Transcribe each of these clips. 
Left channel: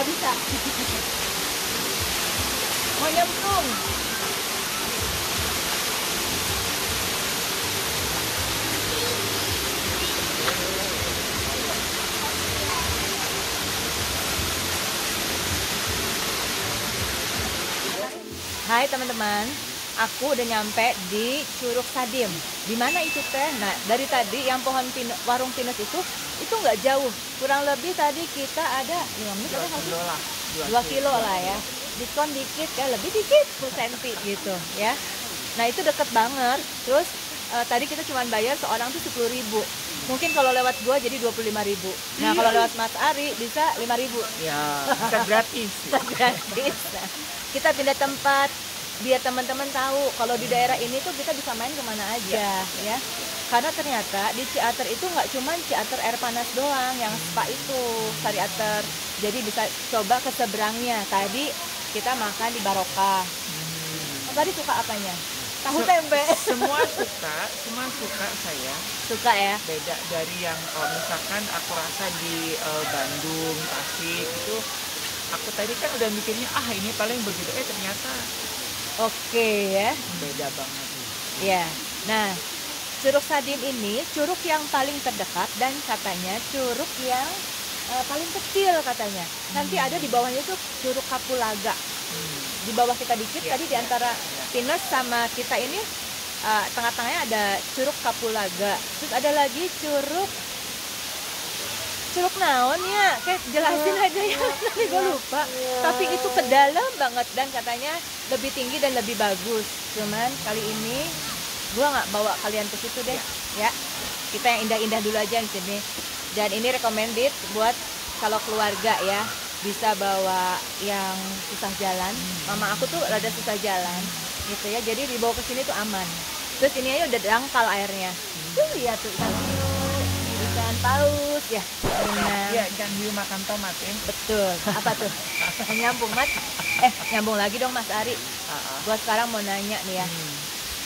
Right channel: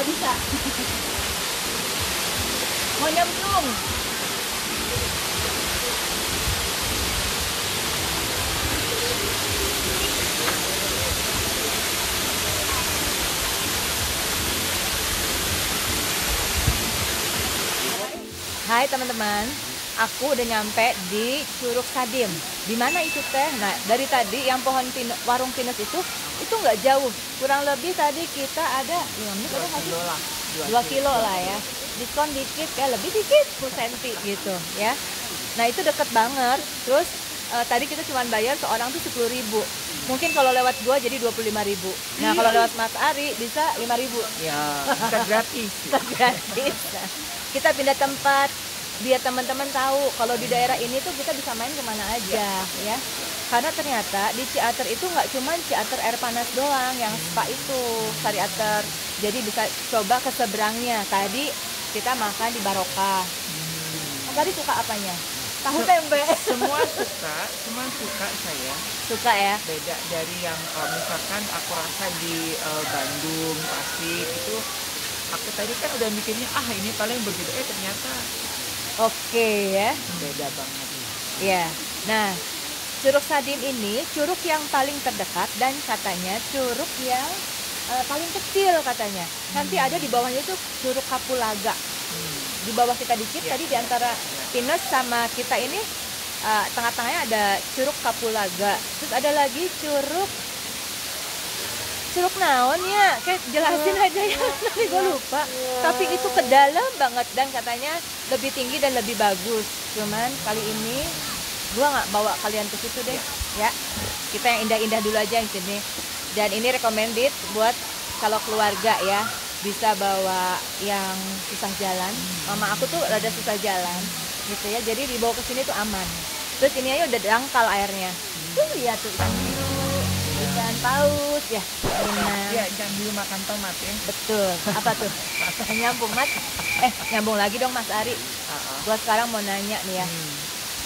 nggak bisa. Mau nyemplung. Hai teman-teman, aku udah nyampe di Curug Sadim. Di mana itu teh? Nah, dari tadi yang warung pinus itu nggak jauh. Kurang lebih tadi kita ada 5 menit ada nggak sih? 2 kilo lah ya. Diskon dikit ya, lebih dikit 10 senti gitu ya. Nah, itu deket banget. Terus tadi kita cuma bayar seorang tuh 10.000. Mungkin kalau lewat gua jadi 25.000. Nah, kalau lewat Mas Ari bisa 5.000. Ya, bisa gratis. Gratis. Nah, kita pindah tempat biar teman-teman tahu kalau di daerah ini tuh kita bisa main kemana aja ya. Karena ternyata di Ciater itu nggak cuma Ciater air panas doang yang spa itu, Sariater. Jadi bisa coba ke seberangnya. Tadi kita makan di Barokah. Tadi suka apanya? Tahu tempe. Semua suka saya. Suka ya. Beda dari yang misalkan aku rasa di Bandung, Tasik itu. Aku tadi kan udah mikirnya ini paling begitu, ternyata oke ya. Beda banget. Ya. Nah, Curug Sadim ini curug yang paling terdekat dan katanya curug yang paling kecil katanya. Nanti ada di bawahnya tuh Curug Kapulaga. Di bawah kita dikit tadi di antara Pinus sama kita ini tengah-tengahnya ada Curug Kapulaga. Terus ada lagi Curug naon ya, kayak jelasin aja ya, nanti gue lupa. Tapi itu ke dalam banget dan katanya lebih tinggi dan lebih bagus. Cuman kali ini gue nggak bawa kalian ke situ deh, ya. Kita yang indah-indah dulu aja yang sini. Dan ini recommended buat kalau keluarga ya, bisa bawa yang susah jalan. Mama aku tuh rada susah jalan, gitu ya. Jadi dibawa ke sini tuh aman. Terus ini aja udah dangkal airnya. Tuh lihat tuh ikan paus ya. Iya, ikan hiu makan tomat ya. Betul. Apa tuh? Nyambung Mas. Nyambung lagi dong Mas Ari. Gua sekarang mau nanya nih ya.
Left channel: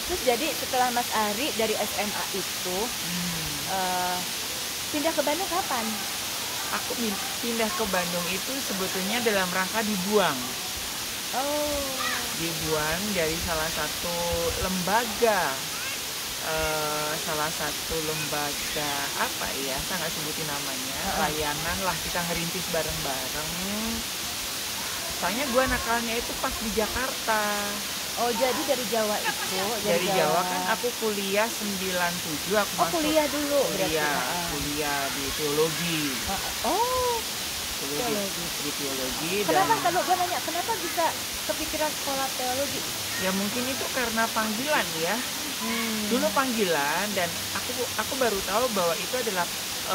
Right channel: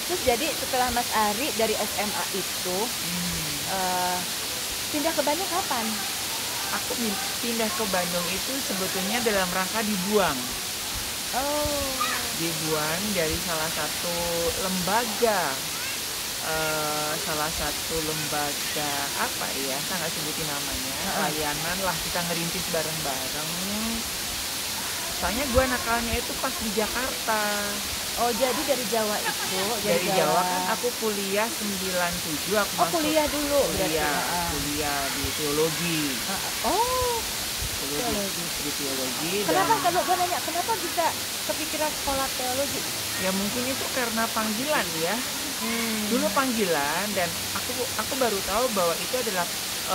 Terus jadi setelah Mas Ari dari SMA itu pindah ke Bandung kapan? Aku pindah ke Bandung itu sebetulnya dalam rangka dibuang. Dibuang dari salah satu lembaga. Salah satu lembaga apa ya, saya nggak sebutin namanya, layanan lah, kita ngerintis bareng-bareng. Soalnya gue nakalnya itu pas di Jakarta. Oh, jadi dari Jawa itu? Dari Jawa kan aku kuliah 97, aku masuk kuliah dulu berarti? Kuliah di teologi. Teologi. Kenapa kalau gue nanya, kenapa bisa kepikiran sekolah teologi? Ya mungkin itu karena panggilan ya. Dulu panggilan, dan aku baru tahu bahwa itu adalah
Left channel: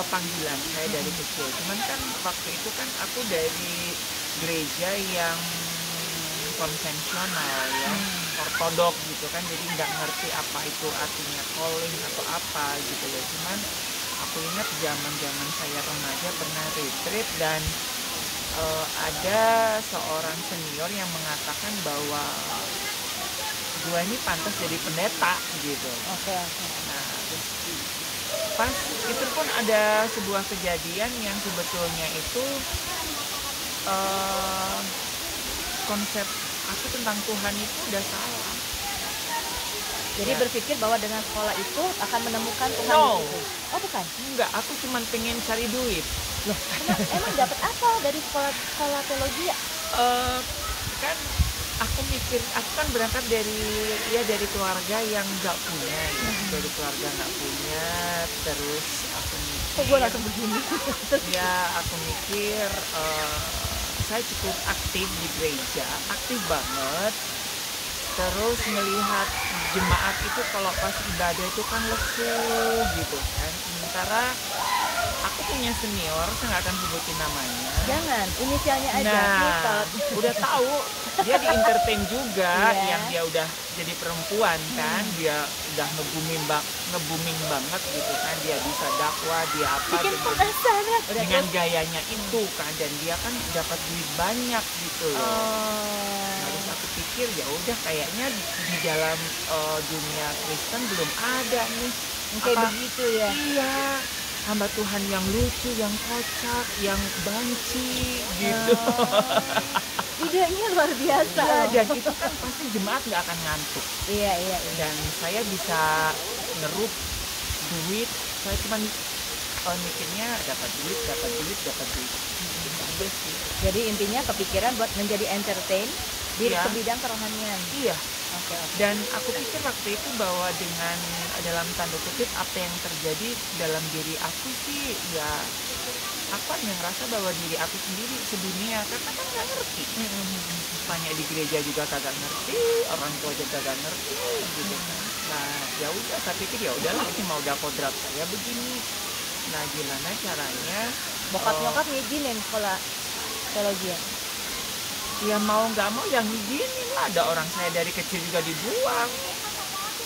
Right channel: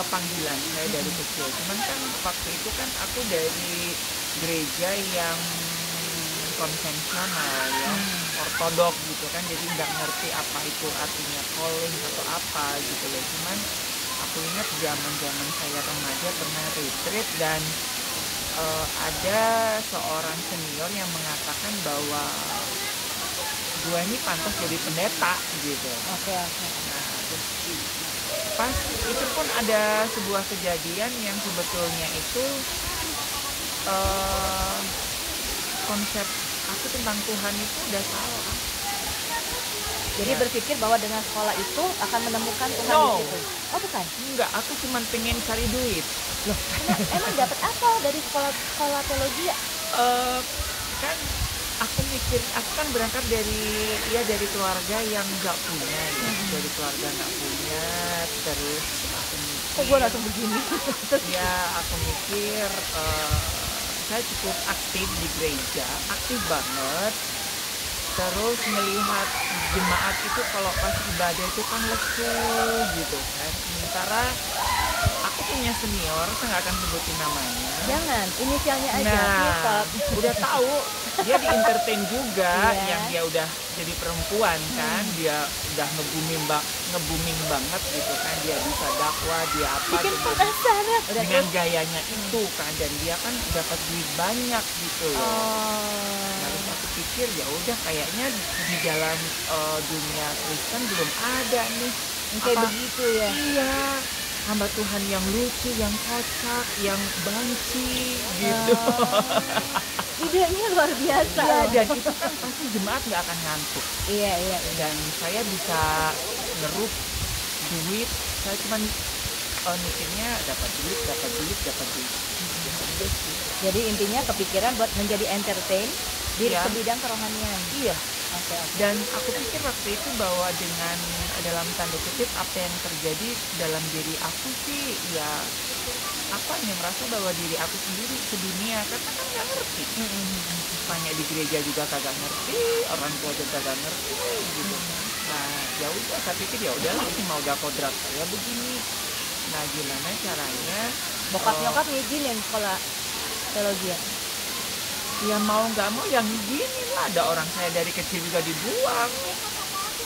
panggilan saya dari kecil. Cuman kan waktu itu kan aku dari gereja yang konvensional ya, ortodok gitu kan, jadi nggak ngerti apa itu artinya calling atau apa gitu loh. Cuman aku ingat zaman saya remaja pernah retreat dan ada seorang senior yang mengatakan bahwa gue ini pantas jadi pendeta gitu. Oke. Nah, pas itu pun ada sebuah kejadian yang sebetulnya itu konsep aku tentang Tuhan itu udah salah. Jadi berpikir bahwa dengan sekolah itu akan menemukan Tuhan di situ? Oh bukan? Enggak, aku cuma pengen cari duit. Loh, emang dapat apa dari sekolah teologi ya? Kan aku kan berangkat dari keluarga yang nggak punya ya. Dari keluarga nggak punya, terus aku mikir, kok gue langsung begini? Ya aku mikir saya cukup aktif di gereja, aktif banget. Terus melihat jemaat itu kalau pas ibadah itu kan lesu gitu kan. Sementara aku punya senior, saya nggak akan sebutin namanya. Jangan, inisialnya aja. Udah tahu dia di entertain juga, yang dia udah jadi perempuan kan, dia udah nge-booming banget gitu kan, dia bisa dakwah, dia apa. Bikin penasaran. Dengan gayanya itu kan, dan dia kan dapat duit banyak gitu loh. Terus aku pikir ya udah kayaknya di dalam dunia Kristen belum ada nih kayak begitu ya. Iya. hamba Tuhan yang lucu, yang kocak, yang banci gitu. Idenya luar biasa. Iya, dan itu kan pasti jemaat nggak akan ngantuk. Iya. Dan saya bisa ngeruk duit, saya cuma mikirnya dapat duit. Gitu sih. Jadi intinya kepikiran buat menjadi entertain di Iya. ke bidang kerohanian. Iya. Oke. Dan aku pikir waktu itu bahwa dengan dalam tanda kutip apa yang terjadi dalam diri aku sih ya apa yang merasa bahwa diri aku sendiri sedunia karena kan nggak ngerti. Tanya di gereja juga kagak ngerti, orang tua juga kagak ngerti gitu. Nah ya udah saya pikir ya udahlah cuma udah kodrat saya begini. Nah gimana caranya? Bokap nyokap ngizinin sekolah teologi. Ya mau nggak mau yang gini lah, ada orang saya dari kecil juga dibuang.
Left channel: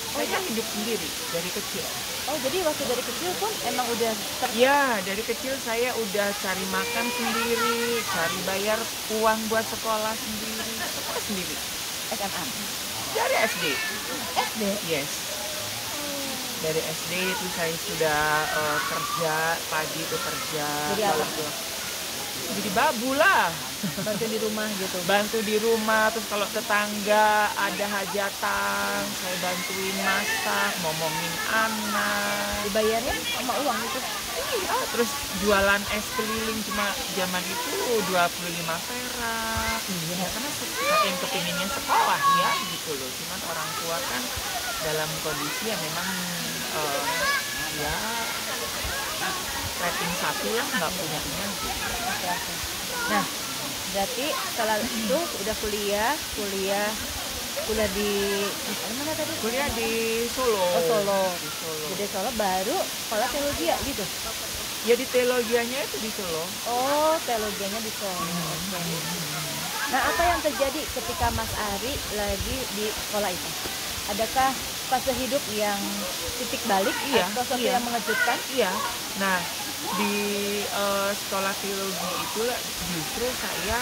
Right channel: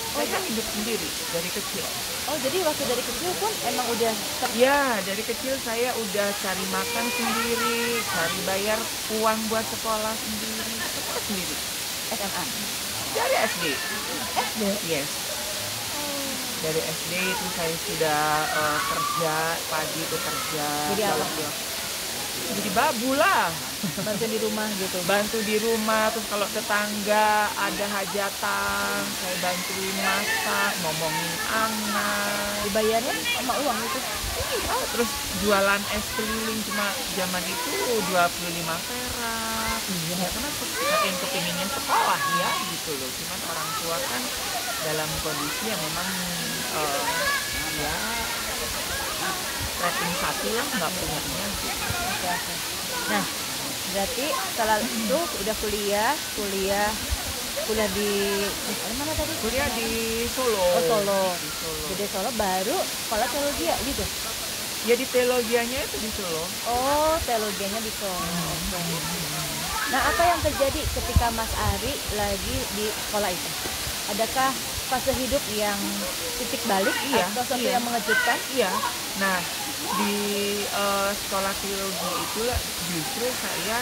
Saya kan hidup sendiri dari kecil. Oh jadi waktu dari kecil pun emang udah Ya dari kecil saya udah cari makan sendiri, cari bayar uang buat sekolah sendiri, sekolah sendiri. SMA. Dari SD. SD. Yes. Dari SD itu saya sudah kerja, pagi itu kerja. Jadi apa? Jadi babu lah. Bantu di rumah gitu. Bantu di rumah, terus kalau tetangga ada hajatan saya bantuin masak, ngomongin anak. Dibayarnya sama uang gitu. Iya, terus jualan es keliling cuma zaman itu 25 perak. Iya, karena saking kepinginnya sekolah ya gitu loh. Cuman orang tua kan dalam kondisi yang memang ya rating satu lah nggak punyanya. Oke. Nah, berarti setelah itu udah kuliah di mana tadi? Kuliah di Solo. Oh, Solo. Di Solo. Jadi Solo baru sekolah teologi ya gitu. Jadi teologianya itu di Solo. Oh, teologianya di Solo. Oke. Nah, apa yang terjadi ketika Mas Ari lagi di sekolah itu? Adakah fase hidup yang titik balik atau sesuatu yang mengejutkan? Iya. Nah, di sekolah teologi itu justru saya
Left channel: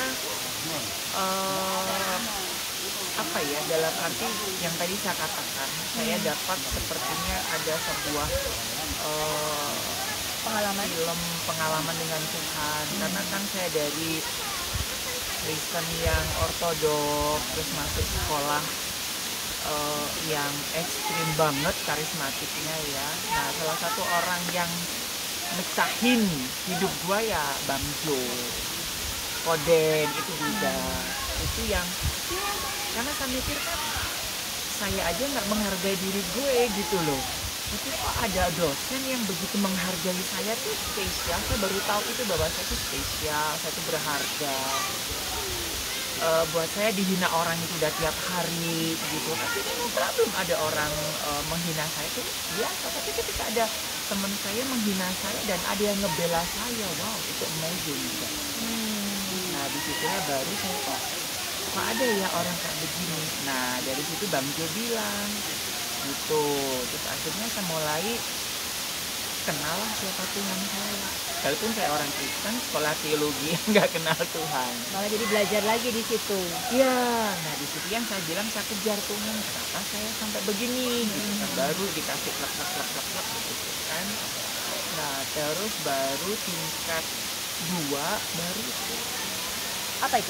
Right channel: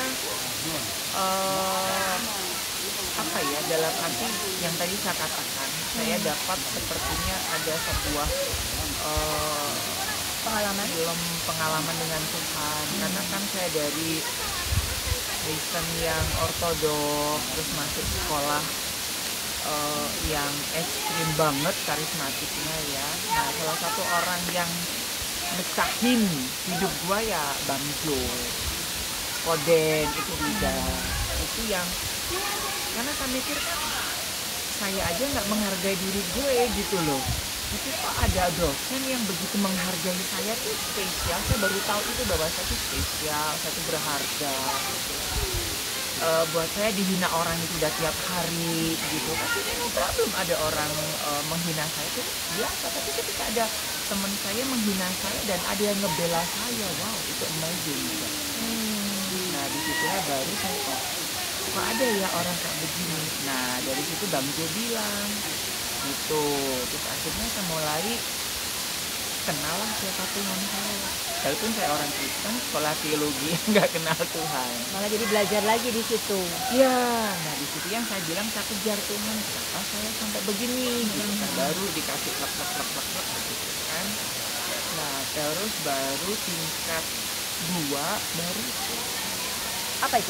apa ya dalam arti yang tadi saya katakan saya dapat sepertinya ada sebuah pengalaman dengan Tuhan karena kan saya dari Kristen yang ortodoks terus masuk sekolah yang ekstrim banget karismatiknya ya. Nah salah satu orang yang mecahin hidup gua ya Bang Jo, Koden itu juga itu yang karena saya mikir kan saya aja nggak menghargai diri gue gitu loh. Itu kok ada dosen yang begitu menghargai saya tuh spesial. Saya baru tahu itu bahwa saya tuh spesial, saya tuh berharga. Buat saya dihina orang itu udah tiap hari gitu. Tapi no problem ada orang menghina saya itu biasa. Tapi ketika ada teman saya menghina saya dan ada yang ngebela saya, wow itu amazing gitu. Nah disitulah baru saya kok ada ya orang kayak begini. Nah dari situ Bang Jo bilang gitu. Terus akhirnya saya mulai kenal siapa Tuhan saya. Walaupun saya orang Kristen, sekolah teologi nggak kenal Tuhan. Malah jadi belajar lagi di situ. Ya, nah di situ yang saya bilang saya kejar Tuhan. Kenapa saya sampai begini? Baru dikasih klak gitu kan. Nah terus baru tingkat 2 baru itu. Apa itu?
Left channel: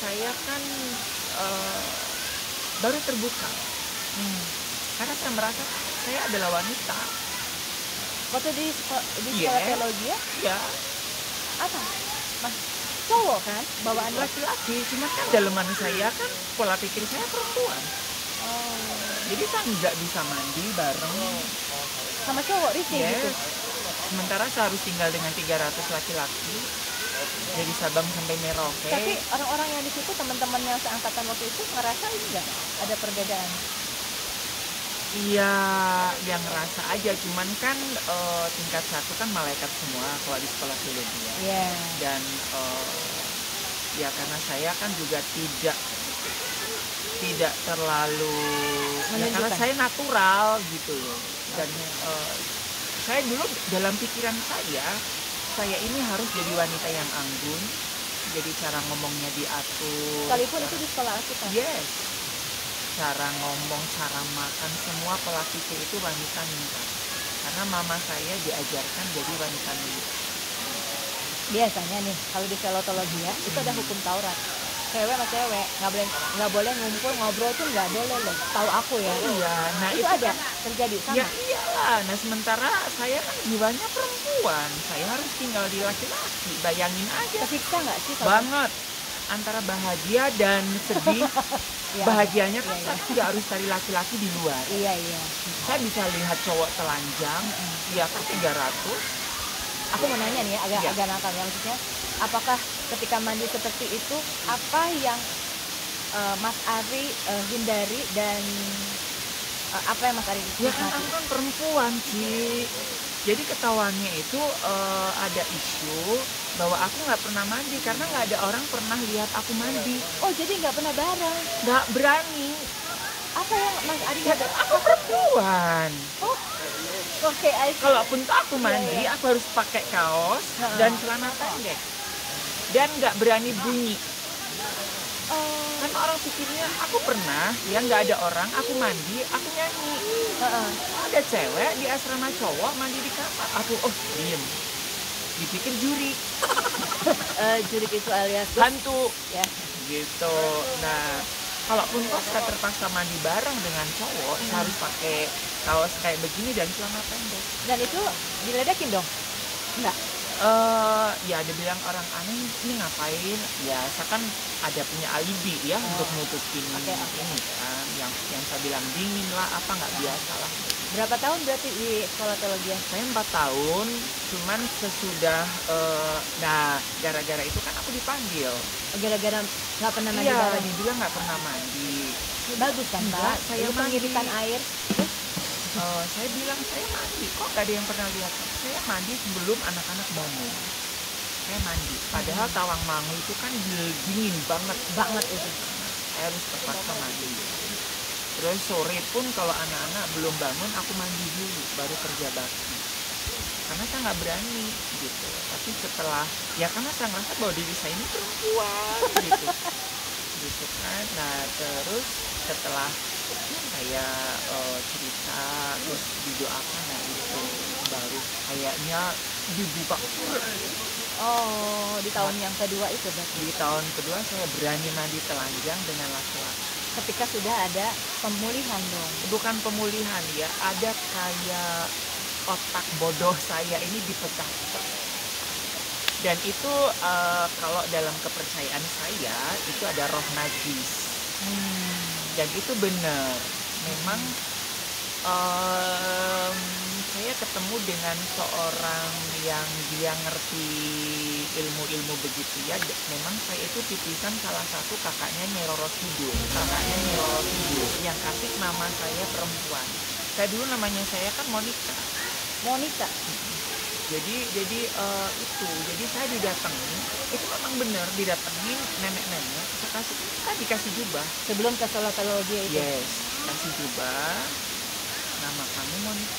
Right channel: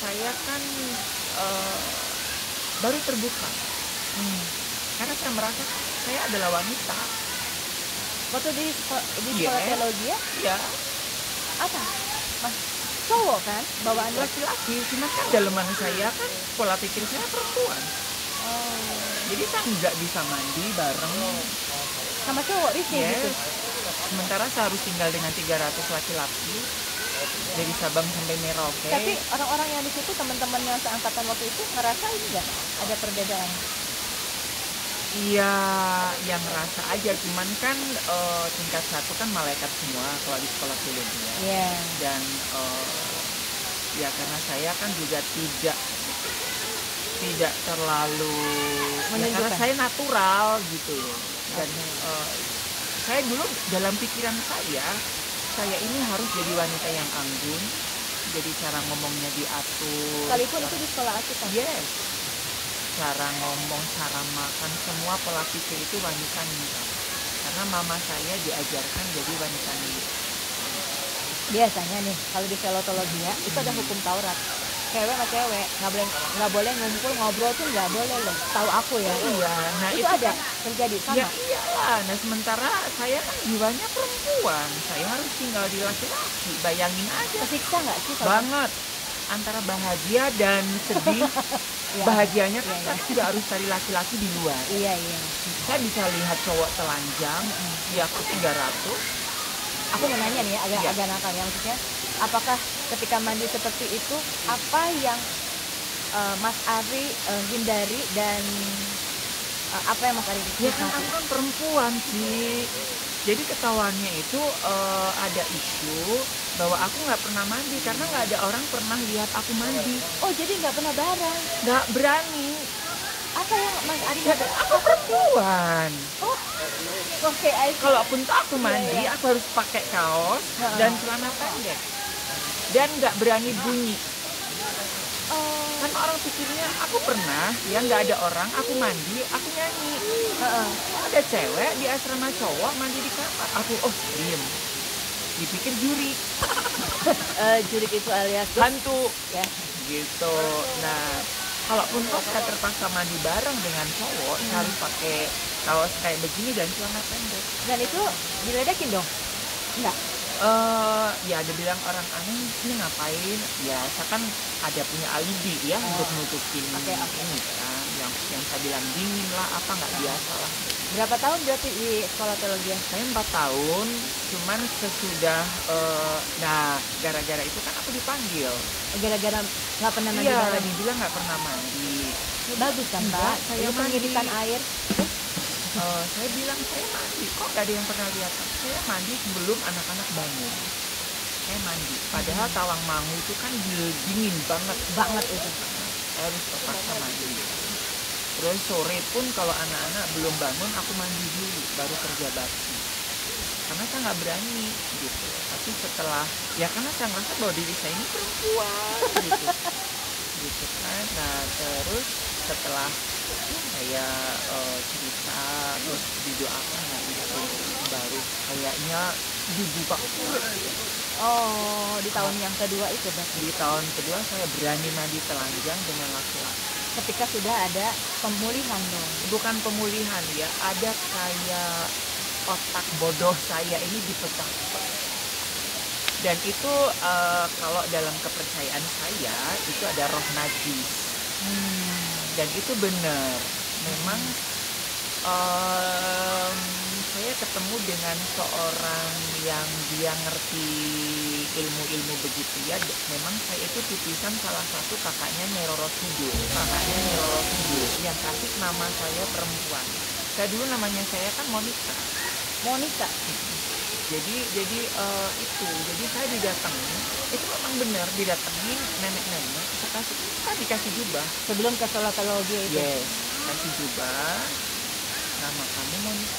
Saya kan baru terbuka. Karena saya merasa saya adalah wanita. Waktu di sekolah teologi ya? Iya. Apa? Mas cowok kan? Bawaan Laki-laki, cuma kan dalaman saya kan pola pikir saya perempuan. Jadi saya nggak bisa mandi bareng sama cowok risih gitu. Sementara saya harus tinggal dengan 300 laki-laki dari Sabang sampai Merauke. Tapi orang-orang yang di situ teman-teman yang seangkatan waktu itu ngerasain nggak ada perbedaan? Iya, yang ngerasa aja, cuman kan tingkat 1 kan malaikat semua kalau di sekolah teologi ya. Iya. Dan ya karena saya kan juga tidak terlalu karena saya natural gitu loh. Dan saya dulu dalam pikiran saya ini harus jadi wanita yang anggun, jadi cara ngomongnya diatur. Sekalipun itu di sekolah Alkitab. Yes. Cara ngomong, cara makan, semua pola pikir itu wanita minta. karena mama saya diajarkan jadi wanita milik. Biasanya nih kalau di selotologi ya itu ada hukum Taurat. Cewek sama cewek nggak boleh ngumpul ngobrol tuh nggak boleh loh. Tahu aku ya. Iya, nah Itu ada terjadi sama. ya iyalah. Nah sementara saya kan jiwanya perempuan, saya harus tinggal di laki-laki. Bayangin aja. Kesiksa nggak sih kalau Banget. Antara bahagia dan sedih. Iya, Bahagianya iya, iya. pasti nggak harus cari laki-laki di luar. Iya iya. Saya bisa lihat cowok telanjang di aku 300. Aku mau nanya nih ya, Iya. agak nakal ya, maksudnya apakah ketika mandi seperti itu apa yang Mas Ari hindari dan apa yang Mas Ari Ya kan nikmati? aku kan perempuan sih. Jadi ketahuannya itu ada isu bahwa aku nggak pernah mandi karena nggak ada orang pernah lihat aku mandi. Oh jadi nggak pernah bareng? Nggak berani. Apa yang Mas Ari nggak ber- Aku perempuan. Oh oke, I see. Kalaupun aku mandi, Iya, iya. aku harus pakai kaos Heeh. dan celana pendek. Dan nggak berani bunyi. Oh, Karena orang pikirnya aku pernah, ya nggak ada orang, aku mandi, aku nyanyi. heeh. Ada cewek di asrama cowok mandi di kamar. Aku diem. Dipikir juri, Jurik itu alias hantu ya. gitu. Nah, kalaupun kok saya terpaksa mandi bareng dengan cowok, saya harus pakai kaos kayak begini dan celana pendek. Dan itu diledekin dong? Enggak. Ya ada bilang orang aneh sih ngapain? Ya saya kan ada punya alibi ya untuk nutupin Oke. ini kan. Yang saya bilang dingin lah, apa nggak biasa lah. Berapa tahun berarti di sekolah teologi? Saya 4 tahun, cuman sesudah nah gara-gara itu kan aku dipanggil. Gara-gara nggak pernah mandi Iya, bareng. dia nggak pernah mandi. Bagus kan Enggak, Pak? saya Itu mandi. pengiritan air. Saya bilang saya mandi, kok gak ada yang pernah lihat. Saya mandi sebelum anak-anak bangun. Saya mandi. Padahal Tawangmangu itu kan dingin banget. Banget itu. Saya harus terpaksa mandi. Terus sore pun kalau anak-anak belum bangun, aku mandi dulu, baru kerja bakti. Karena saya nggak berani gitu. Tapi setelah, ya karena saya ngerasa bahwa diri saya ini perempuan gitu. Gitu kan. Nah terus setelah saya cerita terus didoakan, nah itu baru kayaknya dibuka. Oh, di tahun yang kedua itu berarti. Di tahun kedua saya berani mandi telanjang dengan laki-laki. Ketika sudah ada pemulihan dong. Bukan pemulihan ya, ada kayak otak bodoh saya ini dipecah. Dan itu kalau dalam kepercayaan saya itu ada roh najis. Dan itu benar. Memang saya ketemu dengan seorang yang dia ngerti ilmu-ilmu begitu ya. Memang saya itu titisan salah satu kakaknya Neroro Kidul. Kakaknya Neroro Kidul yang kasih nama saya perempuan. Saya dulu namanya saya kan Monica. Monica. Jadi jadi saya didatangi, itu memang benar didatangi nenek-nenek, dikasih jubah. Sebelum ke sekolah teologi itu. Yes, kasih jubah. Nama kamu Monica.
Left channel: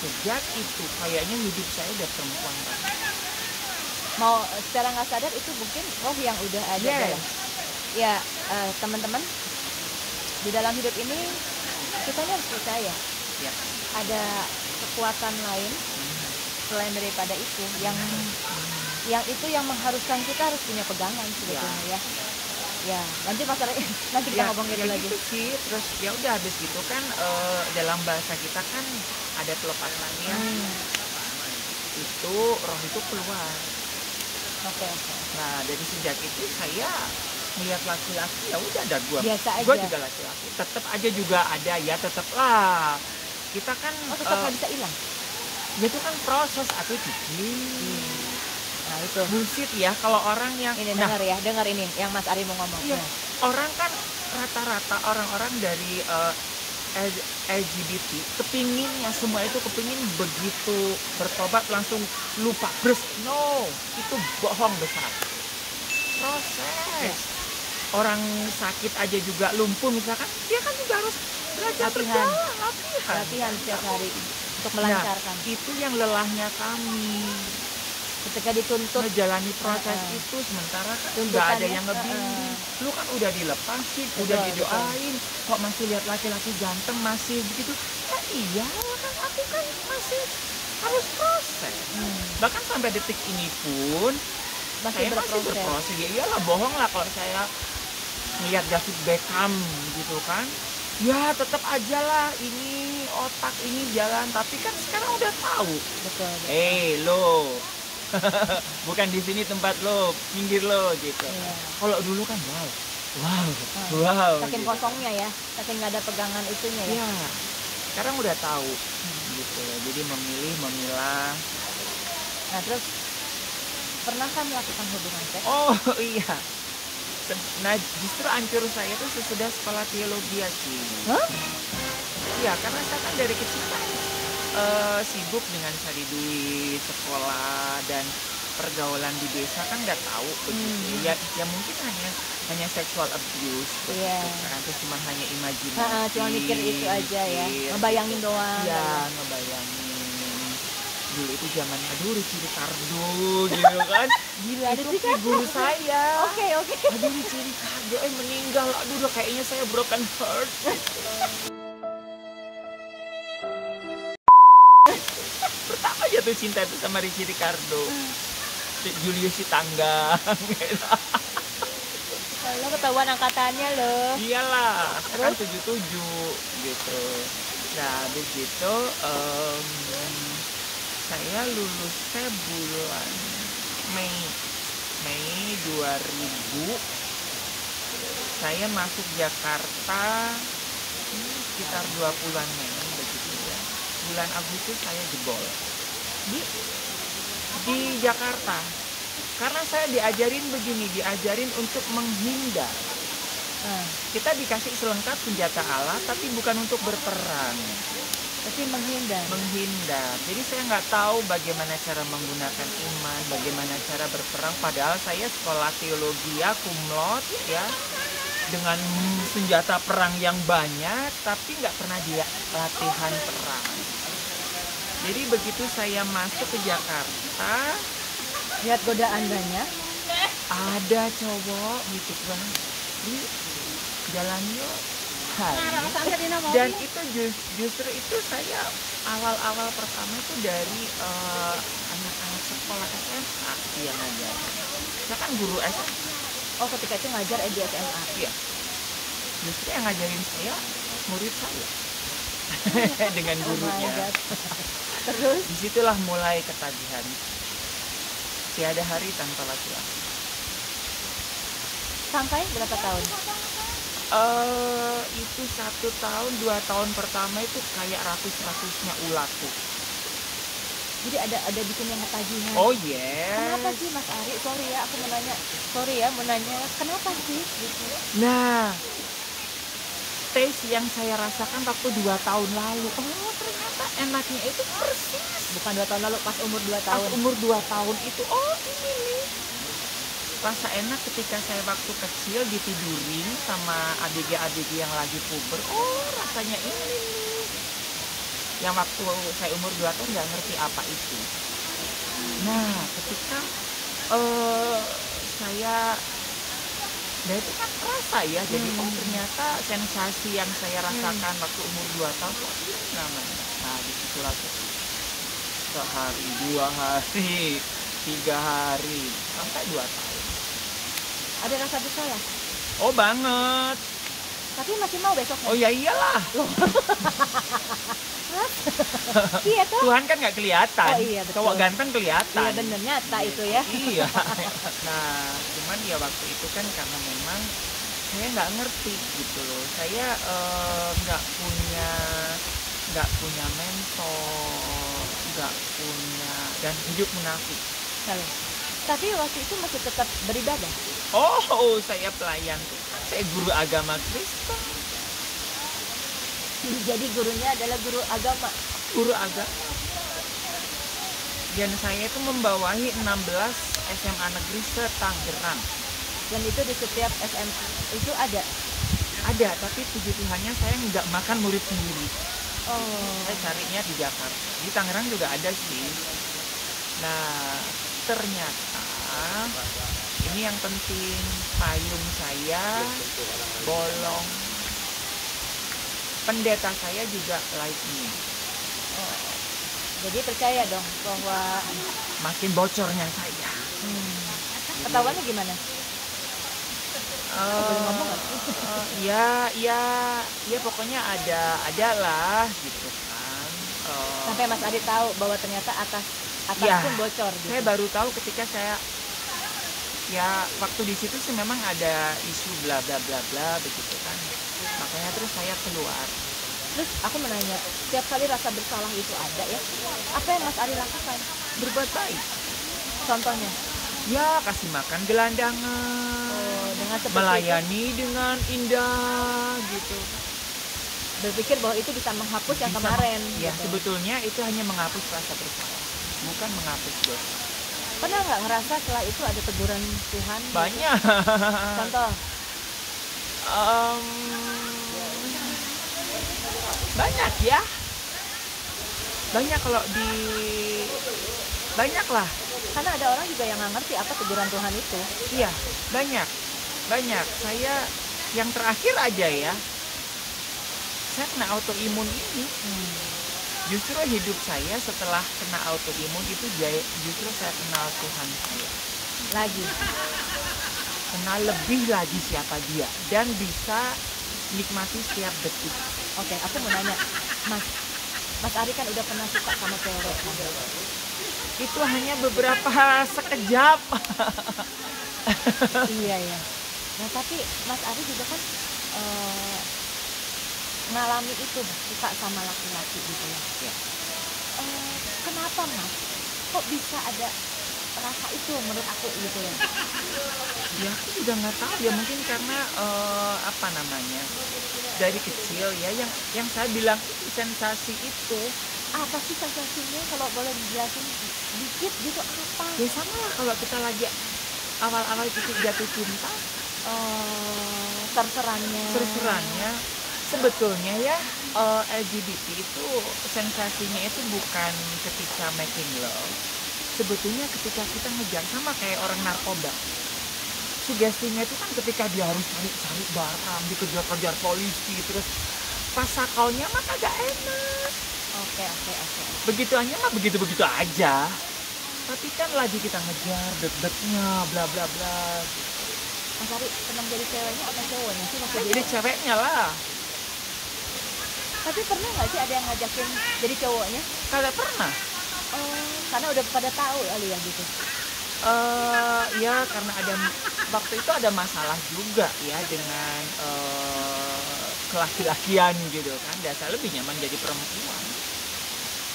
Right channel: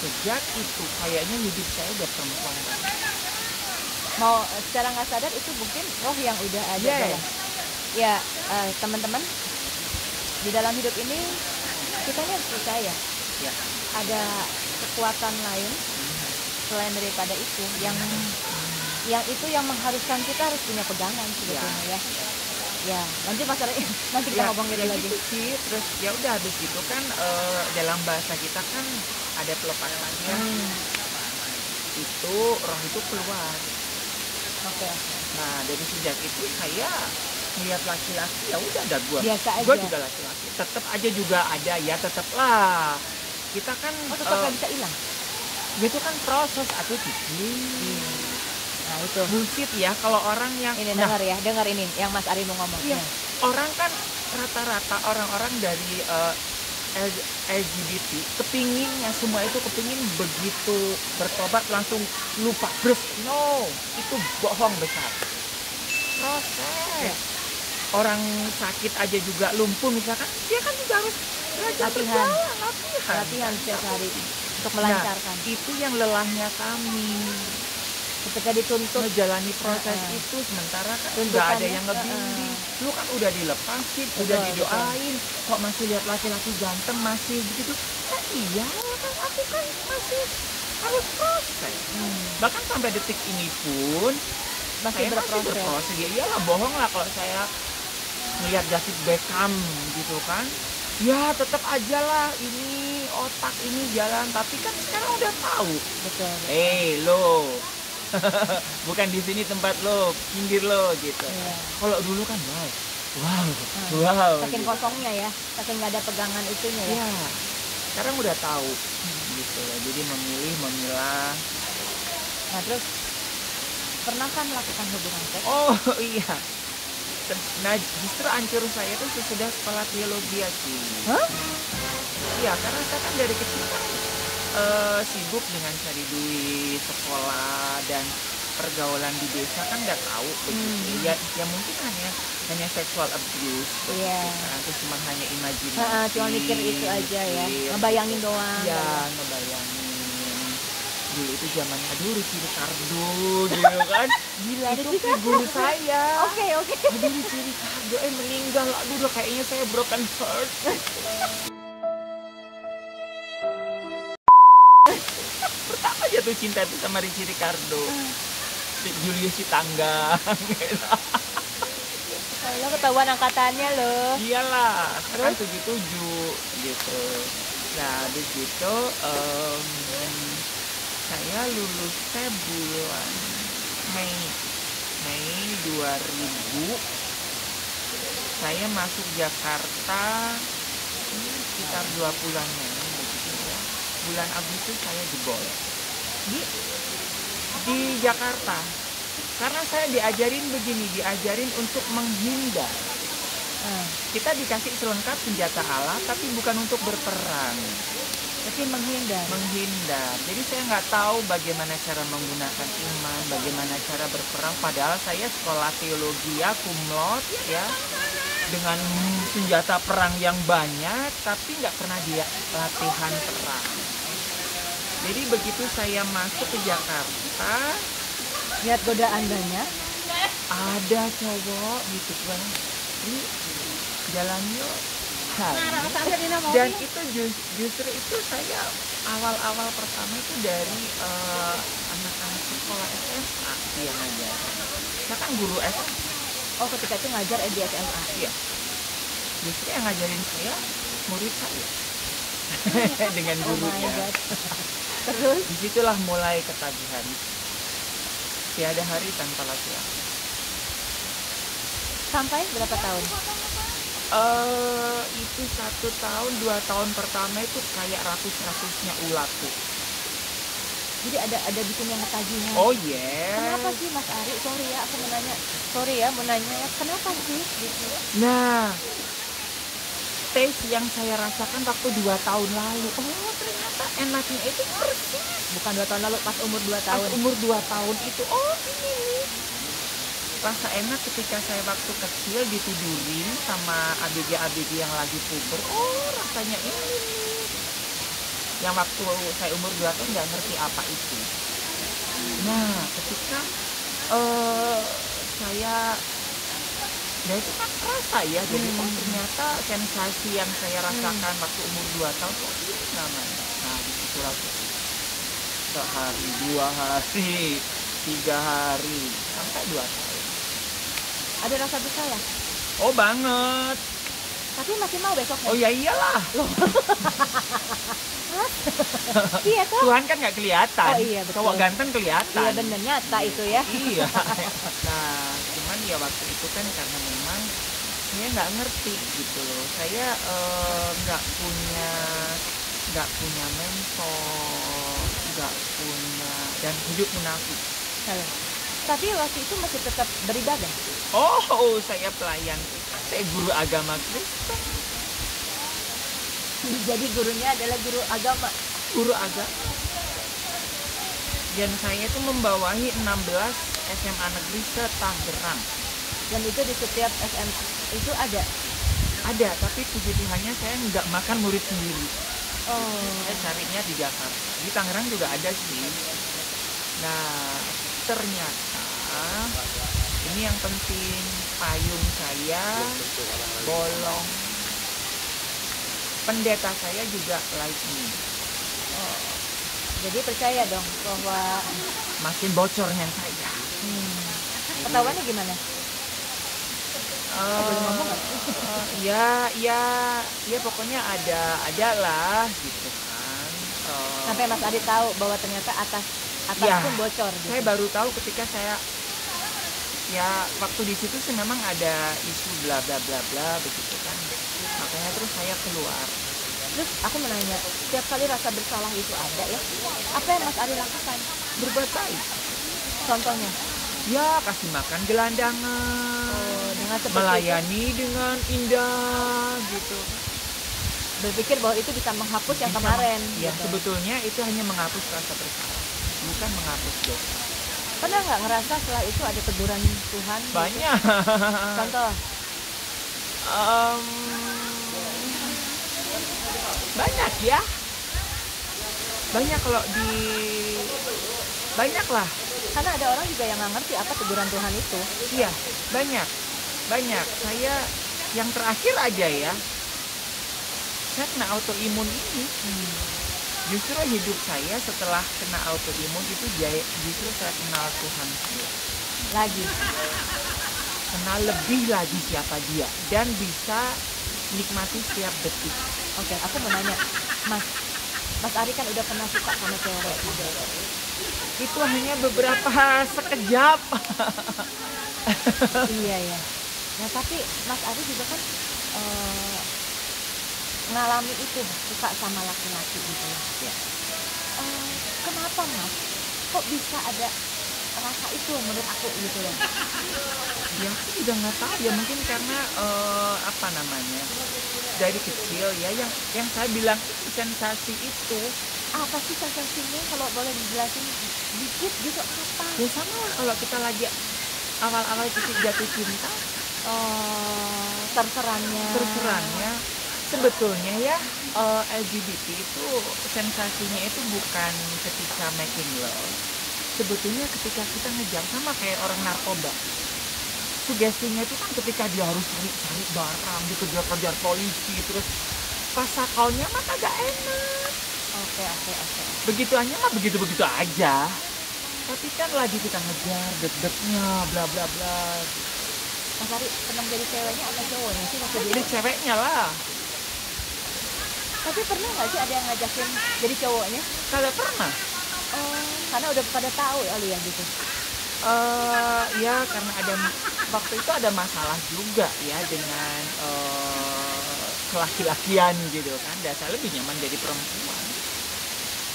Sejak itu kayaknya hidup saya udah perempuan banget. Mau secara nggak sadar itu mungkin roh yang udah ada Yes. dalam. Ya, teman-teman, di dalam hidup ini kita harus percaya Ya. ada kekuatan lain selain daripada itu yang itu yang mengharuskan kita harus punya pegangan sebetulnya ya. Ya, lanjut Mas Ari. Nanti kita ngomongin ya lagi. gitu sih. Terus ya udah habis itu kan dalam bahasa kita kan ada pelepasannya. Itu roh itu keluar. Oke. Nah dari sejak itu saya melihat laki-laki ya udah ada gua. Biasa aja. Gua juga laki-laki. Tetap aja juga ada ya, tetap lah. Kita kan Oh, tetap nggak bisa hilang. itu kan proses atau cici. Nah, itu. Bullshit ya kalau orang yang Ini dengar ya, dengar ini yang Mas Ari mau ngomong. Iya, Ya. orang kan rata-rata orang-orang dari LGBT kepinginnya semua itu kepingin begitu bertobat langsung lupa terus. No, itu bohong besar. Proses. Ya. Orang sakit aja juga lumpuh misalkan, dia kan juga harus belajar Latihan. berjalan, Latihan setiap hari untuk melancarkan. Nah, itu yang lelahnya kami. Ketika dituntut Menjalani proses itu sementara kan nggak Tuntutannya, ada yang ngebimbing. Lu kan udah dilepasin, udah Betul, didoain, kok masih lihat laki-laki ganteng masih begitu. Oh iya, kan aku kan masih harus proses. Bahkan sampai detik ini pun Masih saya berproses. Ya iyalah, bohong lah kalau saya melihat David Beckham gitu kan. Ya tetap aja lah ini otak ini jalan, tapi kan sekarang udah tahu. Betul. Lo, bukan di sini tempat lo, minggir lo gitu. Iya. Kalau dulu kan wow. Saking gitu. kosongnya ya, saking nggak ada pegangan itunya ya. Ya, sekarang udah tahu gitu ya. Jadi memilah. Nah terus pernahkah melakukan hubungan seks? Oh iya. Nah justru ancur saya tuh sesudah sekolah teologi ya sih. Hah? Iya, karena saya kan dari kecil kan sibuk dengan cari duit, sekolah, dan pergaulan di desa kan nggak tahu begitu. Ya mungkin hanya sexual abuse. Iya. Itu cuma hanya imajinasi. Cuma mikir itu aja ya, ngebayangin doang. Iya, ngebayangin. Dulu itu zaman Ruci Ricardo gitu kan. Gila, itu guru saya. Oke. Ruci Ricardo meninggal. Aduh, kayaknya saya broken heart. Pertama jatuh cinta itu sama Ruci Ricardo. Julius Tangga. Lo ketahuan angkatannya lo. Iyalah, kan 77 gitu. Nah, begitu saya lulusnya bulan Mei 2000. Saya masuk Jakarta sekitar 2 bulanan begitu ya. Bulan Agustus saya jebol di Jakarta. Karena saya diajarin untuk menghindar. Kita dikasih selengkap senjata Allah, tapi bukan untuk berperang. Tapi menghindar. Jadi saya nggak tahu bagaimana cara menggunakan iman, bagaimana cara berperang. Padahal saya sekolah teologi ya, cum laude ya, dengan senjata perang yang banyak, tapi nggak pernah dia latihan perang. Jadi begitu saya masuk ke Jakarta, Lihat godaan banyak. ada cowok gitu kan, di jalannya. Dan itu justru itu saya awal pertama itu dari anak-anak sekolah SMA yang ngajar. Saya kan guru SMA. Oh, ketika itu ngajar di SMA. Iya. Justru yang ngajarin saya murid saya. Dengan Oh my gurunya. god. Terus Disitulah mulai ketagihan. Tiada hari tanpa latihan. sampai berapa tahun? Itu 1 tahun, 2 tahun pertama itu kayak ratus-ratusnya ulat tuh. Jadi ada bikin yang ketagihan. Oh yes. Kenapa sih Mas Ari? Sorry ya mau nanya kenapa sih gitu? Nah, tes yang saya rasakan waktu 2 tahun lalu. Oh ternyata enaknya itu persis. Bukan 2 tahun lalu, pas umur 2 tahun. Pas umur 2 tahun itu. Oh ini nih. Rasa enak ketika saya waktu kecil ditidurin sama adik-adik yang lagi puber. Oh rasanya ini nih. Yang waktu saya umur 2 tahun nggak ngerti apa itu. Nah ketika saya itu kan rasa ya, jadi kan ternyata sensasi yang saya rasakan waktu umur 2 tahun kok ini nyaman. Nah disitulah sehari, 2 hari, 3 hari, sampai 2 tahun. Ada rasa bersalah. Oh banget. Tapi masih mau besoknya. Oh ya iyalah. Iya toh. Tuhan kan nggak kelihatan. Oh iya betul. Cowok ganteng kelihatan. Iya bener, nyata itu ya. Iya. Nah cuman ya waktu itu kan karena memang saya nggak ngerti gitu loh. Saya nggak punya mentor, nggak punya, dan hidup munafik. Tapi waktu itu masih tetap beribadah. Oh saya pelayan, saya guru agama Kristen. Jadi gurunya adalah guru agama. Dan saya itu membawahi 16 SMA negeri se-Tangerang. Dan itu di setiap SMA itu ada. Tapi puji Tuhannya saya nggak makan murid sendiri. Oh. Saya carinya di Jakarta. Di Tangerang juga ada sih. Nah ternyata ini yang penting, payung saya bolong. Pendeta saya juga like me. Oh, jadi percaya dong bahwa Makin bocornya saja. ketahuannya gimana? Boleh ngomong nggak? Ya pokoknya ada lah gitu kan. Sampai Mas Ari tahu bahwa ternyata atas Ya, pun bocor gitu. saya baru tahu ketika saya ya waktu di situ sih memang ada isu bla bla bla bla begitu kan. Makanya terus saya keluar. Terus aku menanya, setiap kali rasa bersalah itu ada ya, apa yang Mas Ari lakukan? Berbuat baik. Contohnya? Ya kasih makan gelandangan. Oh, dengan seperti Melayani dengan indah gitu. berpikir bahwa itu bisa menghapus yang kemarin. Ya gitu. sebetulnya itu hanya menghapus rasa bersalah, bukan menghapus dosa. Pernah nggak ngerasa setelah itu ada teguran Tuhan? gitu? Banyak. Contoh? Em, banyak ya. Banyak kalau di banyak lah. Karena ada orang juga yang nggak ngerti apa teguran Tuhan itu. Iya, banyak. Saya yang terakhir aja ya. Saya kena autoimun ini. Justru hidup saya setelah kena autoimun itu justru saya kenal Tuhan saya. Lagi. Kenal lebih lagi siapa dia dan bisa nikmati setiap detik. Oke, aku mau nanya, Mas Ari kan udah pernah suka sama cewek kan? Itu hanya beberapa sekejap. Iya ya. Nah tapi Mas Ari juga kan ngalami itu suka sama laki-laki gitu ya. Kenapa Mas? Kok bisa ada rasa itu menurut aku gitu loh? Ya aku juga nggak tahu ya, mungkin karena apa namanya, dari kecil ya yang saya bilang itu sensasi itu. Apa sih sensasinya kalau boleh dijelasin dikit gitu apa? Ya sama lah kalau kita lagi awal-awal jatuh cinta. Terserannya sebetulnya ya, LGBT itu sensasinya itu bukan ketika making love. Sebetulnya ketika kita ngejar, sama kayak orang narkoba. Sugestinya itu kan ketika dia harus cari barang, dikejar-kejar polisi, terus pas sakalnya mah kagak enak. Oke. Begitu aja mah begitu-begitu aja. Tapi kan lagi kita ngejar, deg-degnya, bla bla bla. Mas Ari senang jadi ceweknya atau cowoknya sih waktu Jadi ceweknya lah. Tapi pernah nggak sih ada yang ngajakin jadi cowoknya? Kagak pernah. Oh, karena udah pada tahu kali ya gitu. Ya karena waktu itu ada masalah juga ya dengan laki-lakian gitu kan. Dan saya lebih nyaman jadi perempuan.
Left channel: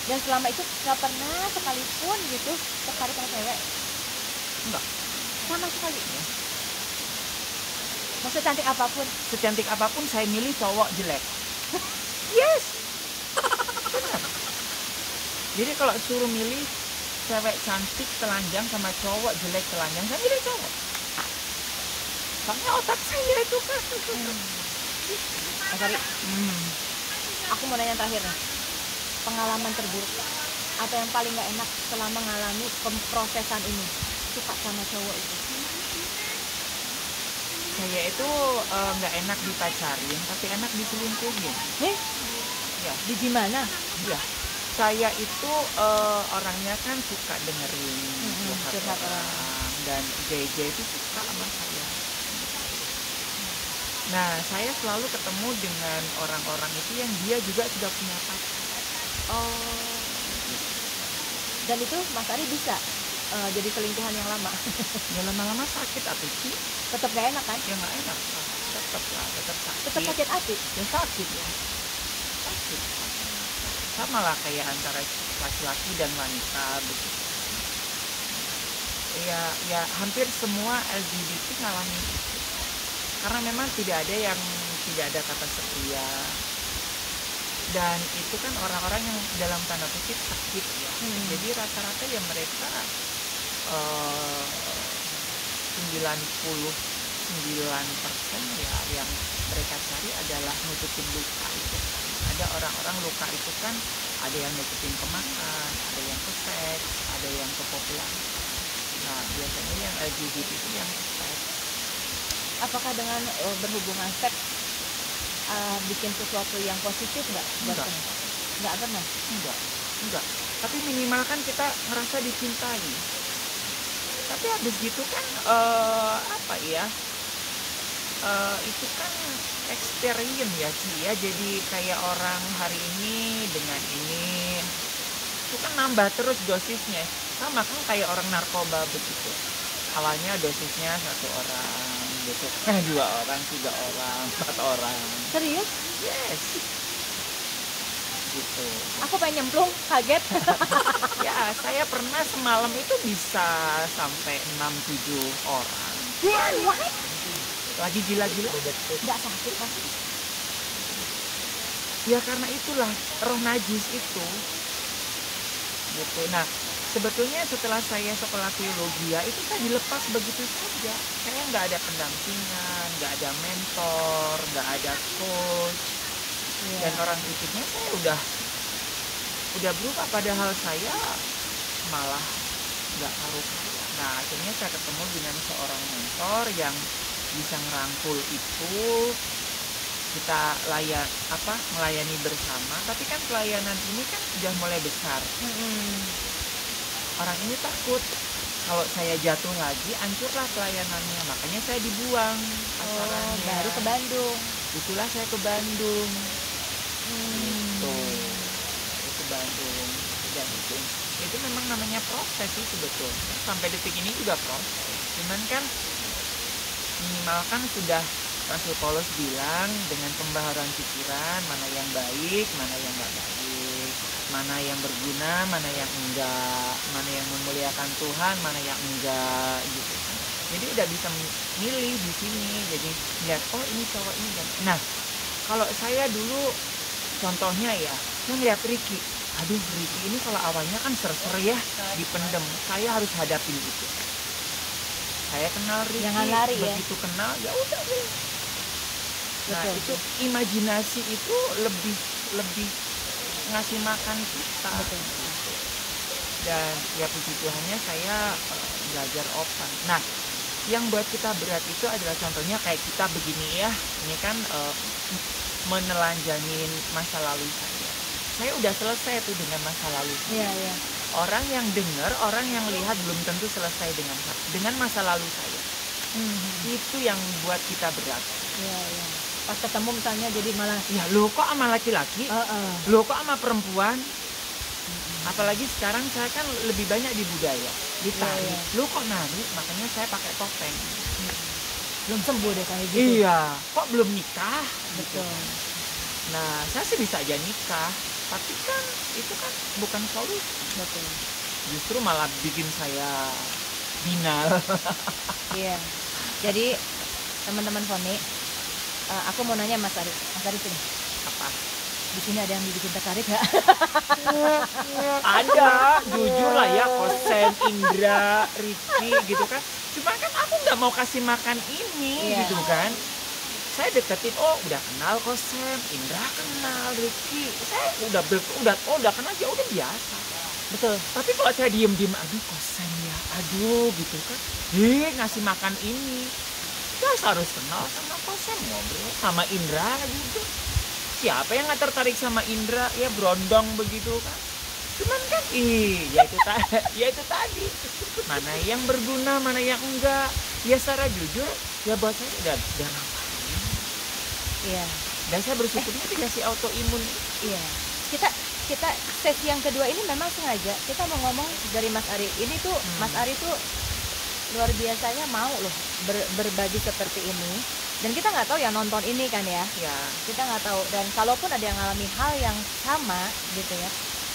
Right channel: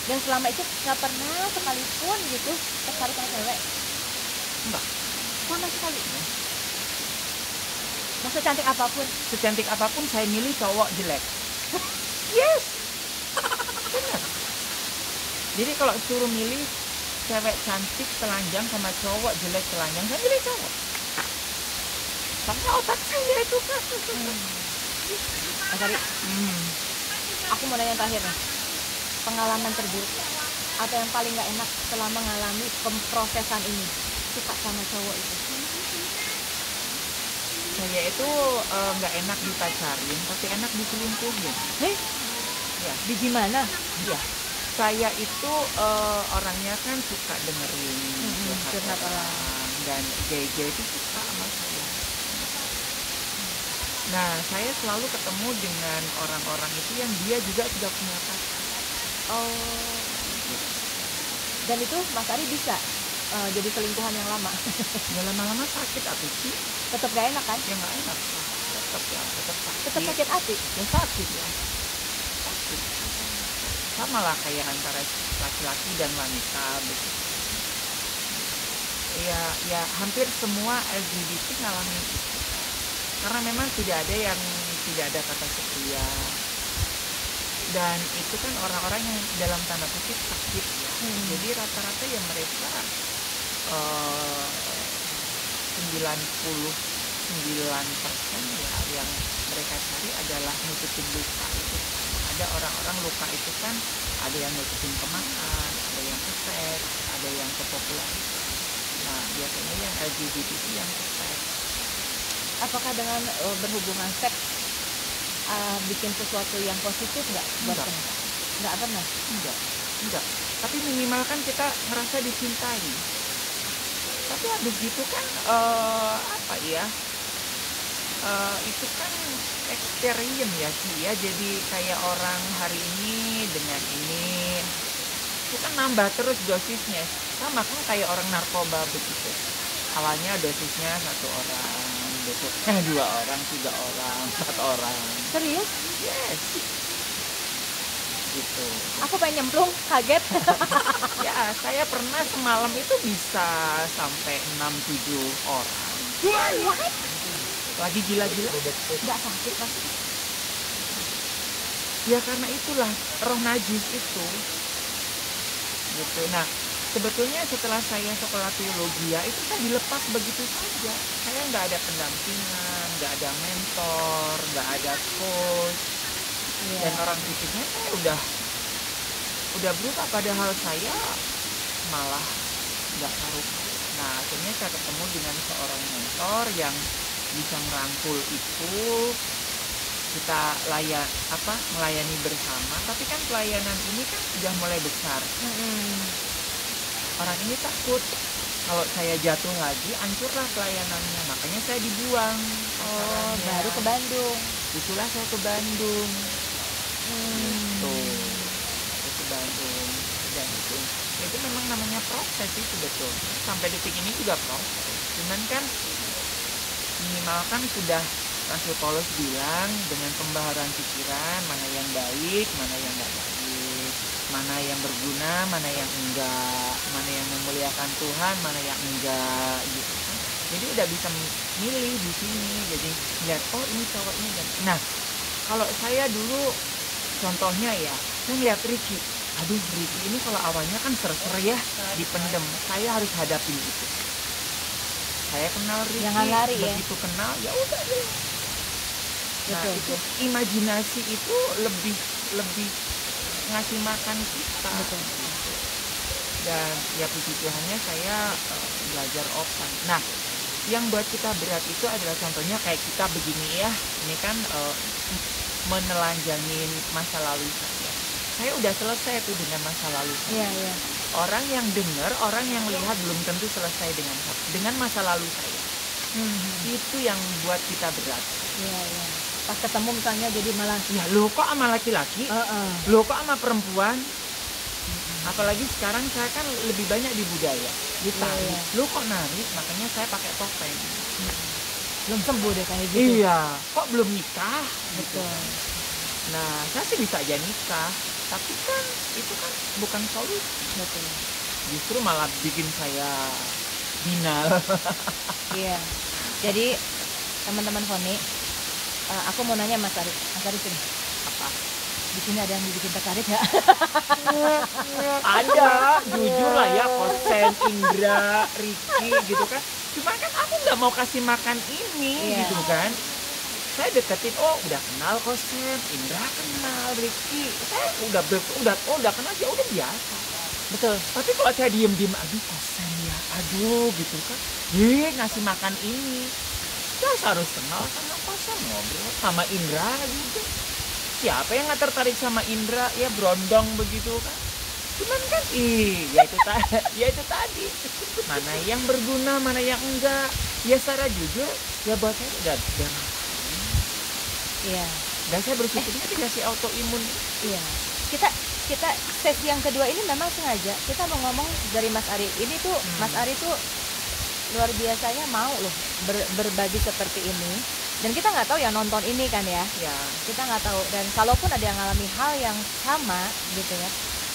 Dan selama itu nggak pernah sekalipun gitu tertarik sama cewek? Enggak. Sama sekali. Mau secantik apapun? Secantik apapun saya milih cowok jelek. Yes. Benar. Jadi kalau suruh milih cewek cantik telanjang sama cowok jelek telanjang, saya milih cowok. Karena otak saya itu kan. Mas Ari, aku mau nanya terakhir nih. Pengalaman terburuk atau yang paling nggak enak selama mengalami pemprosesan ini, suka sama cowok itu? Saya itu nggak enak dipacarin, tapi enak diselingkuhin. Ya. Di gimana? Ya. Saya itu orangnya kan suka dengerin curhat orang, dan gay-gay itu suka sama saya. Nah, saya selalu ketemu dengan orang-orang itu yang dia juga sudah punya pacar. Oh. Dan itu Mas Ari bisa jadi selingkuhan yang lama? Ya lama-lama sakit hati sih. Tetap gak enak kan? Ya nggak enak. Tetap sakit. Tetap sakit hati? Ya sakit ya. Sakit. Sama lah kayak antara laki-laki dan wanita begitu. Ya hampir semua LGBT ngalamin itu. Karena memang tidak ada kata setia. Dan itu kan orang-orang yang dalam tanda kutip sakit ya. Jadi rata-rata ya mereka 99% ya yang mereka cari adalah nutupin luka itu. Ada orang-orang luka itu kan ada yang nutupin ke makan, ada yang ke seks, ada yang ke popularitas. Nah biasanya yang LGBT itu yang ke seks. Apakah dengan berhubungan seks bikin sesuatu yang positif nggak buat kamu? Nggak pernah. Enggak. Tapi minimal kan kita ngerasa dicintai. Tapi habis gitu kan apa ya? Itu kan experience ya sih ya. Jadi kayak orang hari ini dengan ini itu kan nambah terus dosisnya. Sama kan kayak orang narkoba begitu. Awalnya dosisnya 1 orang, besoknya 2 orang, 3 orang, 4 orang. Serius? Yes. Gitu. Aku pengen nyemplung, kaget. Ya, saya pernah semalam itu bisa sampai 6-7 orang. What? Lagi gila-gila. Nggak sakit pasti. Ya karena itulah roh najis itu. Gitu. Nah, sebetulnya setelah saya sekolah teologi ya itu kan dilepas begitu saja. Saya nggak ada pendampingan, nggak ada mentor, nggak ada coach. Dan orang itu kan udah berubah, padahal saya malah nggak taruh. Nah, akhirnya saya ketemu dengan seorang mentor yang bisa ngerangkul itu, kita melayani bersama. Tapi kan pelayanan ini kan sudah mulai besar. Orang ini takut kalau saya jatuh lagi, hancurlah pelayanannya. Makanya saya dibuang. Baru ke Bandung. Itulah saya ke Bandung. Tuh, ke Bandung. Itu memang namanya proses sih sebetulnya. Sampai detik ini juga proses. Cuman kan minimalkan sudah Rasul Paulus bilang dengan pembaharuan pikiran, mana yang baik, mana yang nggak baik, mana yang berguna, mana yang enggak, mana yang memuliakan Tuhan, mana yang enggak, gitu. Jadi udah bisa milih di sini. Jadi lihat, oh ini cowok ini. Nah, kalau saya dulu contohnya ya, saya lihat Ricky. Aduh, Ricky ini kalau awalnya kan ser-ser ya, dipendem. Saya harus hadapin itu. Saya kenal Ricky, Jangan lari ya. begitu kenal ya udah deh. Nah, Betul. itu imajinasi itu lebih ngasih makan kita. Betul. Dan ya puji Tuhannya saya belajar open. Nah, yang buat kita berat itu adalah contohnya kayak kita begini ya. Ini kan menelanjangi masa lalu saya. Saya udah selesai tuh dengan masa lalu saya. Iya. Orang yang dengar, orang yang lihat belum tentu selesai dengan masa lalu saya. Itu yang buat kita berat. Iya. Pas ketemu misalnya jadi malah Ya lo kok sama laki-laki? Lo kok sama perempuan? Apalagi sekarang saya kan lebih banyak di budaya, di tari. Lo kok nari? Makanya saya pakai topeng. belum sembuh deh kayak gitu. Iya. Kok belum nikah? Betul. Nah, saya sih bisa aja nikah, tapi kan itu kan bukan solusi. Betul. Justru malah bikin saya final. Iya. Jadi teman-teman Foni, aku mau nanya Mas Arif. Mas Arif ini, Apa? di sini ada yang bikin tertarik nggak? Ada, jujur lah ya, Kosen, Indra, Ricky gitu kan. Cuma kan aku nggak mau kasih makan ini, Iya. gitu kan. Saya deketin, oh udah kenal Kosen, Indra kenal, Ricky. Saya udah kenal aja, udah biasa. Betul. Tapi kalau saya diem-diem, aduh Kosen ya, aduh gitu kan. Ngasih makan ini. Saya harus kenal sama Kosen, ngobrol sama Indra gitu. Siapa yang nggak tertarik sama Indra? Ya berondong begitu kan. Cuman kan ya itu tadi. Mana yang berguna, mana yang enggak. Ya secara jujur, ya buat saya udah Iya. dan saya bersyukurnya dikasih autoimun. Iya. Kita sesi yang kedua ini memang sengaja kita mau ngomong dari Mas Ari. Ini tuh Mas Ari tuh luar biasanya mau loh berbagi seperti ini. Dan kita nggak tahu ya nonton ini kan ya. Ya. Kita nggak tahu. Dan kalaupun ada yang ngalami hal yang sama gitu ya,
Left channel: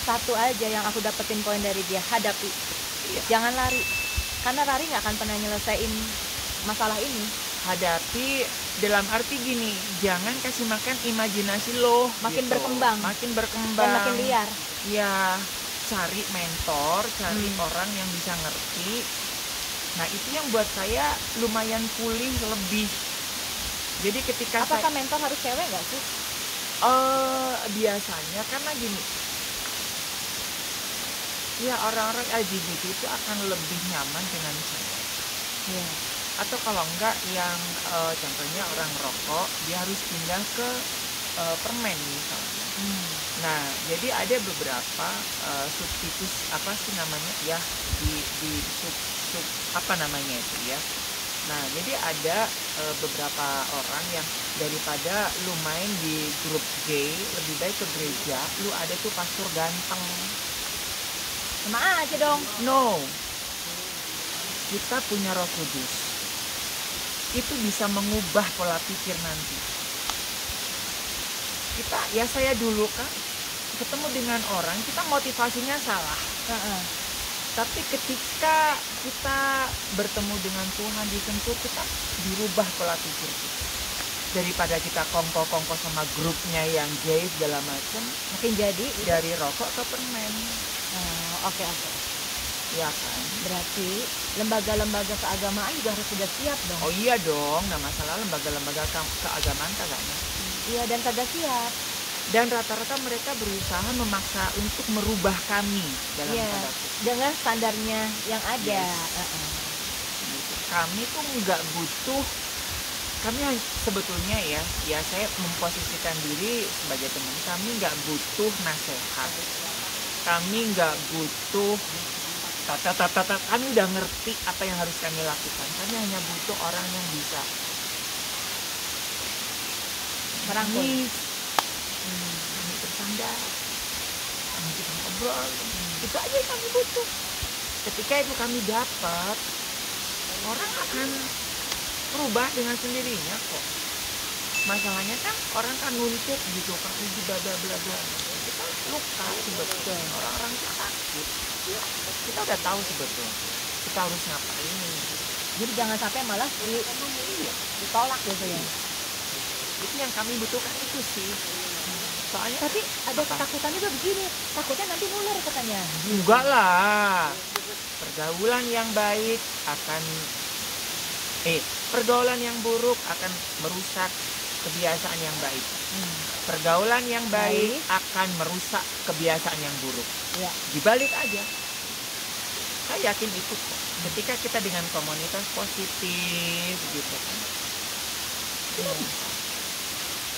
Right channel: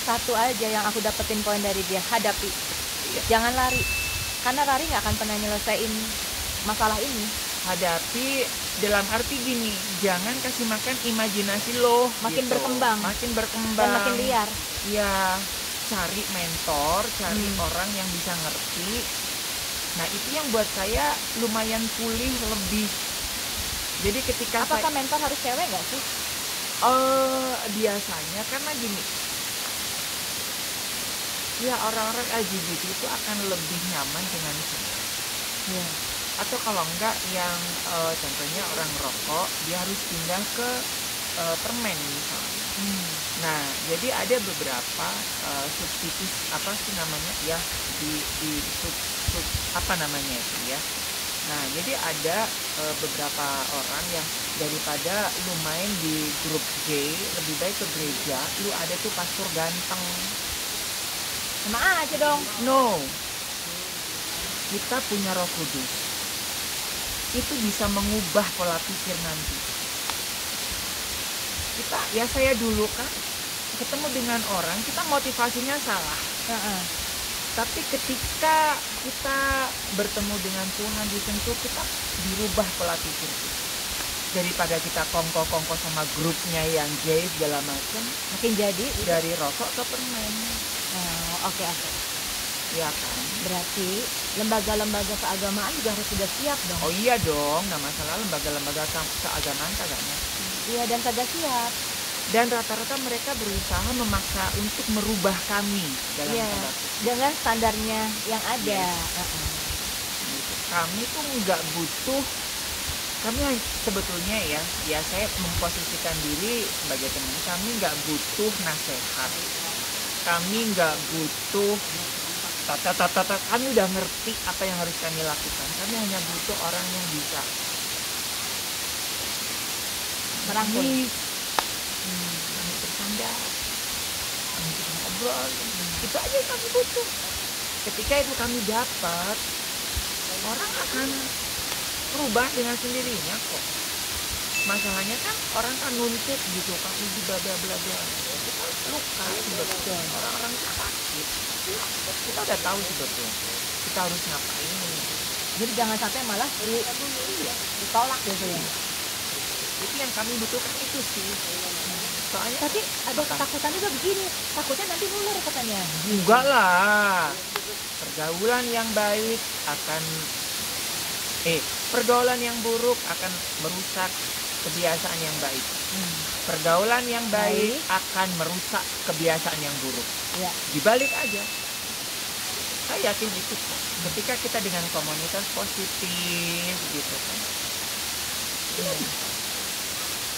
satu aja yang aku dapetin poin dari dia, hadapi. Iya. Jangan lari. Karena lari nggak akan pernah nyelesain masalah ini. Hadapi dalam arti gini, jangan kasih makan imajinasi lo. Makin gitu. berkembang. Makin berkembang. Dan makin liar. Ya, cari mentor, cari orang yang bisa ngerti. Nah, itu yang buat saya lumayan pulih lebih. Jadi ketika Apakah mentor harus cewek nggak sih? Biasanya karena gini, ya orang-orang LGBT itu akan lebih nyaman dengan cewek. Iya. Atau kalau enggak yang contohnya orang rokok, dia harus pindah ke permen misalnya. Nah, jadi ada beberapa subsidius apa sih namanya ya, di apa namanya itu ya. Nah, jadi ada beberapa orang yang daripada lu main di grup gay, lebih baik ke gereja, lu ada tuh pastor ganteng. Sama aja dong. No, kita punya Roh Kudus. Itu bisa mengubah pola pikir nanti. Saya dulu kan ketemu dengan orang, kita motivasinya salah. Tapi ketika kita bertemu dengan Tuhan, disentuh, kita dirubah pola pikir kita. Daripada kita kongko-kongko sama grupnya yang gay segala macam, Makin jadi dari rokok ke permen. Oke. Ya kan? Berarti lembaga-lembaga keagamaan juga harus sudah siap dong. Oh iya dong, nggak masalah lembaga-lembaga keagamaan kagaknya. Iya, dan kagak siap. Dan rata-rata mereka berusaha memaksa untuk merubah kami dalam Iya, tanda kutip. dengan standarnya yang ada. Gitu. Kami tuh nggak butuh, sebetulnya ya saya memposisikan diri sebagai teman, kami nggak butuh nasihat, kami nggak butuh kami udah ngerti apa yang harus kami lakukan. Kami hanya butuh orang yang bisa Merangkul. Kami bercanda, kami bisa ngobrol, itu aja yang kami butuh. Ketika itu kami dapat, orang akan berubah dengan sendirinya kok. Masalahnya kan orang kan nuntut gitu, kami ibadah bla bla. Itu kan luka sebetulnya, orang-orang sakit. Kita udah tahu sebetulnya kita harus ngapain. Jadi jangan sampai malah ditolak gitu ya. Itu yang kami butuhkan itu sih. Soalnya Tapi ada ketakutan juga begini, takutnya nanti nular katanya. enggak lah. Pergaulan yang baik akan pergaulan yang buruk akan merusak kebiasaan yang baik. Pergaulan yang baik akan merusak kebiasaan yang buruk. Ya. Dibalik aja. Saya yakin itu kok. Ketika kita dengan komunitas positif gitu kan.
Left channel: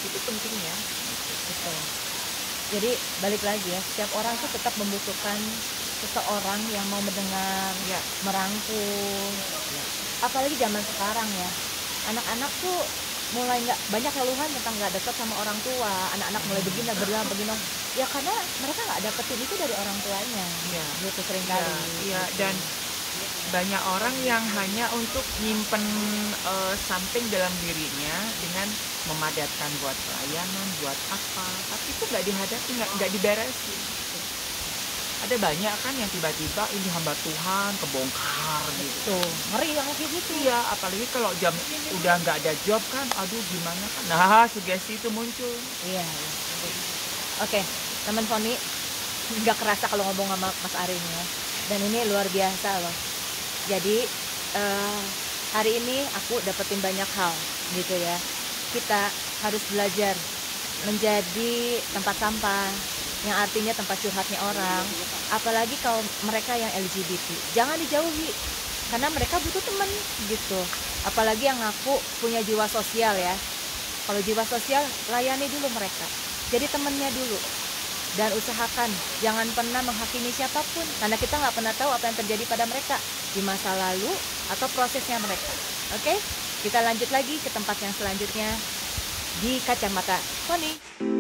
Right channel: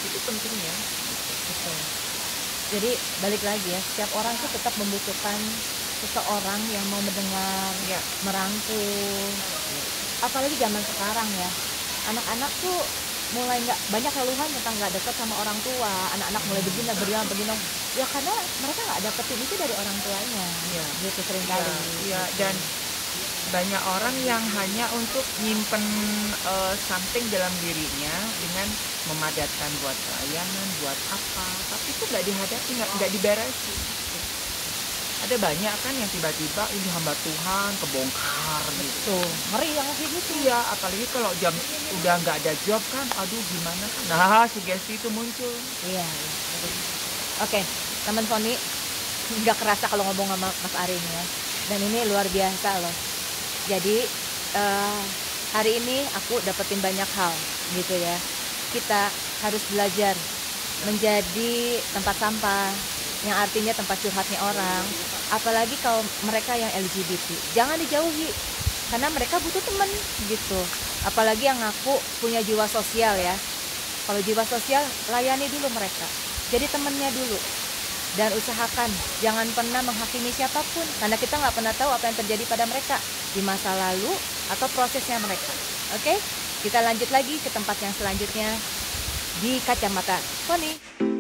Itu pentingnya. Betul. Jadi balik lagi ya, setiap orang tuh tetap membutuhkan seseorang yang mau mendengar, Ya. merangkul. Apalagi zaman sekarang ya, anak-anak tuh mulai nggak banyak keluhan tentang nggak dekat sama orang tua. Anak-anak mulai begini. Ya karena mereka nggak dapetin itu dari orang tuanya. Ya. Gitu seringkali. Ya, dan banyak orang yang hanya untuk nyimpen something dalam dirinya dengan memadatkan buat pelayanan, buat apa, tapi itu nggak dihadapi, nggak diberesin. Ada banyak kan yang tiba-tiba ini hamba Tuhan kebongkar gitu. Tuh, ngeri yang kayak gitu. Iya, apalagi kalau jam udah nggak ada job kan, aduh gimana kan. Nah, sugesti itu muncul. Iya. Oke, teman Foni, nggak kerasa kalau ngomong sama Mas Ari ini ya. Dan ini luar biasa loh. Jadi hari ini aku dapetin banyak hal gitu ya. Kita harus belajar menjadi tempat sampah, yang artinya tempat curhatnya orang. Apalagi kalau mereka yang LGBT, jangan dijauhi karena mereka butuh teman gitu. Apalagi yang ngaku punya jiwa sosial ya. Kalau jiwa sosial, layani dulu mereka, jadi temennya dulu. Dan usahakan jangan pernah menghakimi siapapun, karena kita nggak pernah tahu apa yang terjadi pada mereka di masa lalu atau prosesnya mereka. Oke, kita lanjut lagi ke tempat yang selanjutnya di Kacamata Foni.